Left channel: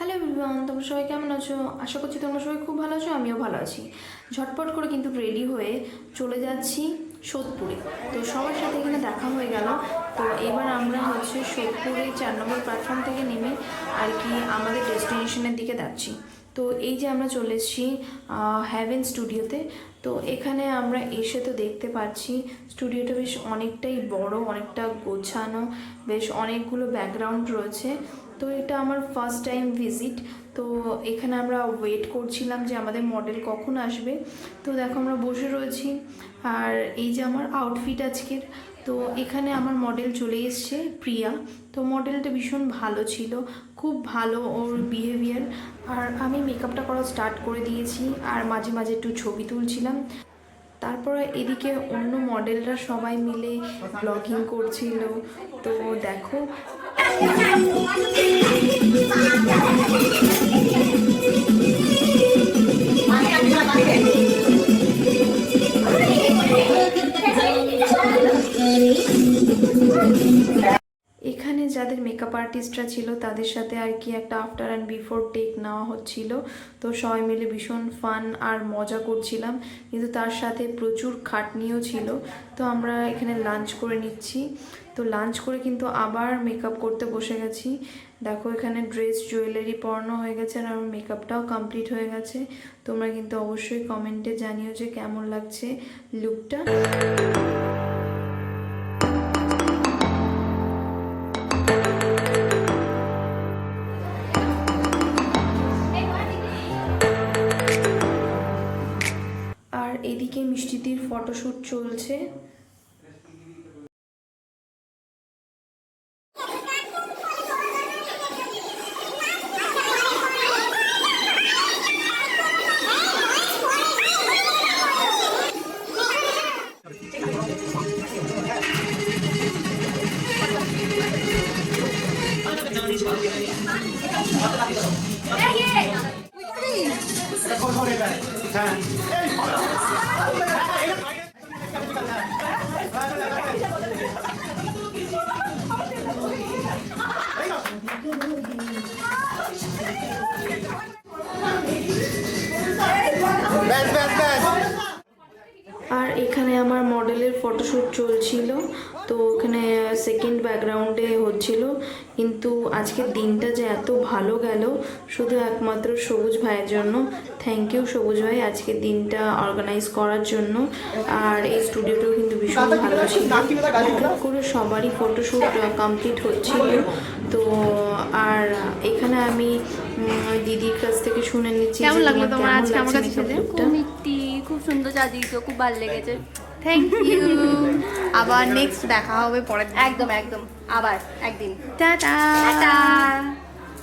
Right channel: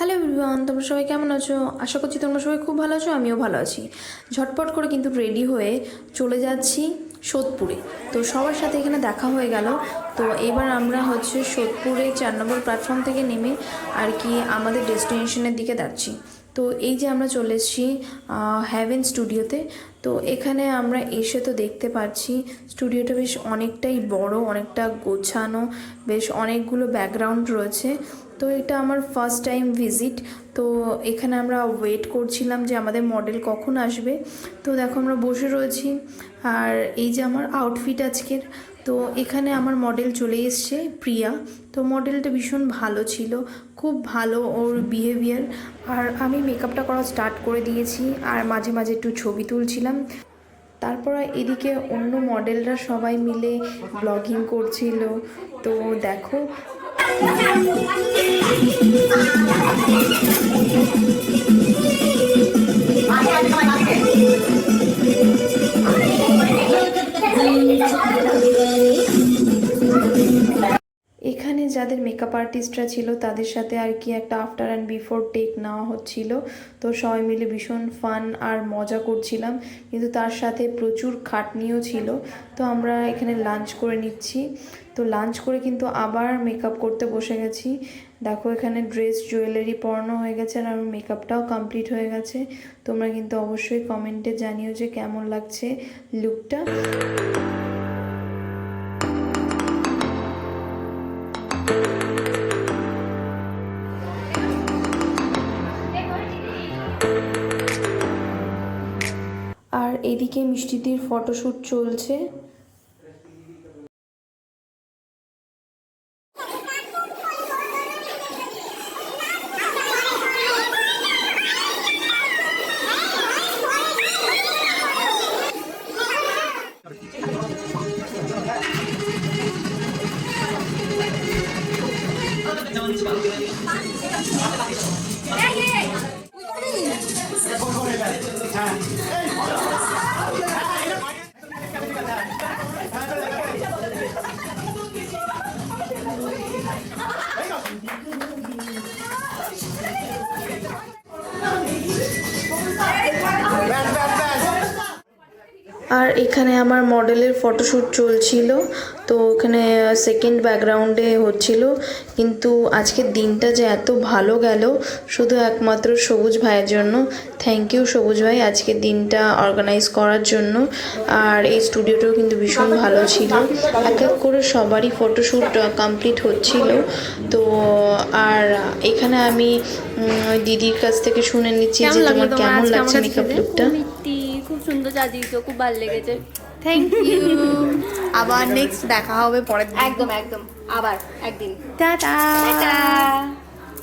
Hello everyone, তোমরা সবাই কেমন আছো? আশা করছি তোমরা সবাই খুব ভালো আছো, আমিও ভালো আছি। ঝটপট করে কিন্তু রেডি হয়ে চলে যাচ্ছি সোদপুরে। তো সবার সাথে এখানে দেখা হয়ে গেল। তো এবার আমরা সোদপুরে 4 নম্বর প্ল্যাটফর্ম থেকে নেমে আর কি আমাদের ডেস্টিনেশনের দিকে যাচ্ছি। তো এই যে আমরা চলে এসেছি হ্যাভেন স্টুডিওতে। তো এখানে আমরা এসে তো দেখতে পাচ্ছি স্টুডিওটা বেশ অনেকটাই বড়, অনেকটা গোছানো, বেশ অনেকগুলো ব্যাকগ্রাউন্ড রয়েছে। তো এটা আমার ফার্স্ট টাইম ভিজিট। তো এখানে আমরা ওয়েট করছিলাম যে আমাদের মডেল কখন আসবে। তো দেখো আমরা বসে রয়েছি, আর এই যে আমার আউটফিট আজকের। তো এখানে আমার মডেল চলে এসছে প্রিয়া। তো মডেলটা ভীষণ ভালো ছিল, খুব ভালো ওর বিহেভিয়ার। আর আমি মেকআপটা করা স্টার্ট করে দিয়েছি, আর মাঝে মাঝে একটু ছবি তুলছিলাম। তারপর এদিকে অন্য মডেলরা সবাই মিলে ব্লগিং করছিল। তো দেখো এখানে যাদের মেকআপ আর্টিস্টরা ছিল তাদের সাথে আর কি একটা আফটার অ্যান্ড বিফোর টেক নেওয়া হচ্ছিল। তো সবাই মিলে ভীষণ ফান আর মজা করছিলাম, কিন্তু তার সাথে প্রচুর খাটনিও ছিল। তো আমরা এখানে লাঞ্চ করে নিচ্ছি। তো লাঞ্চ করে কিন্তু আবার মেকআপ করতে বসে গেছি। দেখো এখানে ড্রেস জুয়েলারি পরানো হয়ে গেছে, আর আমার মেকআপটাও কমপ্লিট হয়ে গেছে। তোমরা কিন্তু অবশ্যই কমেন্টে জানিও যে কেমন লাগছে লুকটা। আর এদিকে মিষ্টিদির ফটোশ্যুট চলছে। আর এখানে আমার মডেলের ফটোশ্যুট চলছিল। তো ওখানে সেকেন্ড ব্যাকগ্রাউন্ডে হচ্ছিল। কিন্তু আজকের দিনটা যে এত ভালো গেল শুধু একমাত্র সবুজ ভাইয়ের জন্য। থ্যাংক ইউ সবুজ ভাই আজকের দিনটা অর্গানাইজ করার জন্য। আর এই স্টুডিওটাও কিন্তু ভীষণ ভালো ছিল। এক এক করে সবারই ফটোশ্যুট কমপ্লিট হচ্ছিল। তো আর এখানে আমি দিদির কাছ থেকে শুনে নিচ্ছি যে তোমার কেমন লাগছে মেকআপ লুকটা। খুব সুন্দর সাজিয়েছো, খুব ভালো লেগেছে। Thank you. আবার নেক্সট দেখা হবে পরের দিন। একদম একদম, আবার একদিন। টাটা।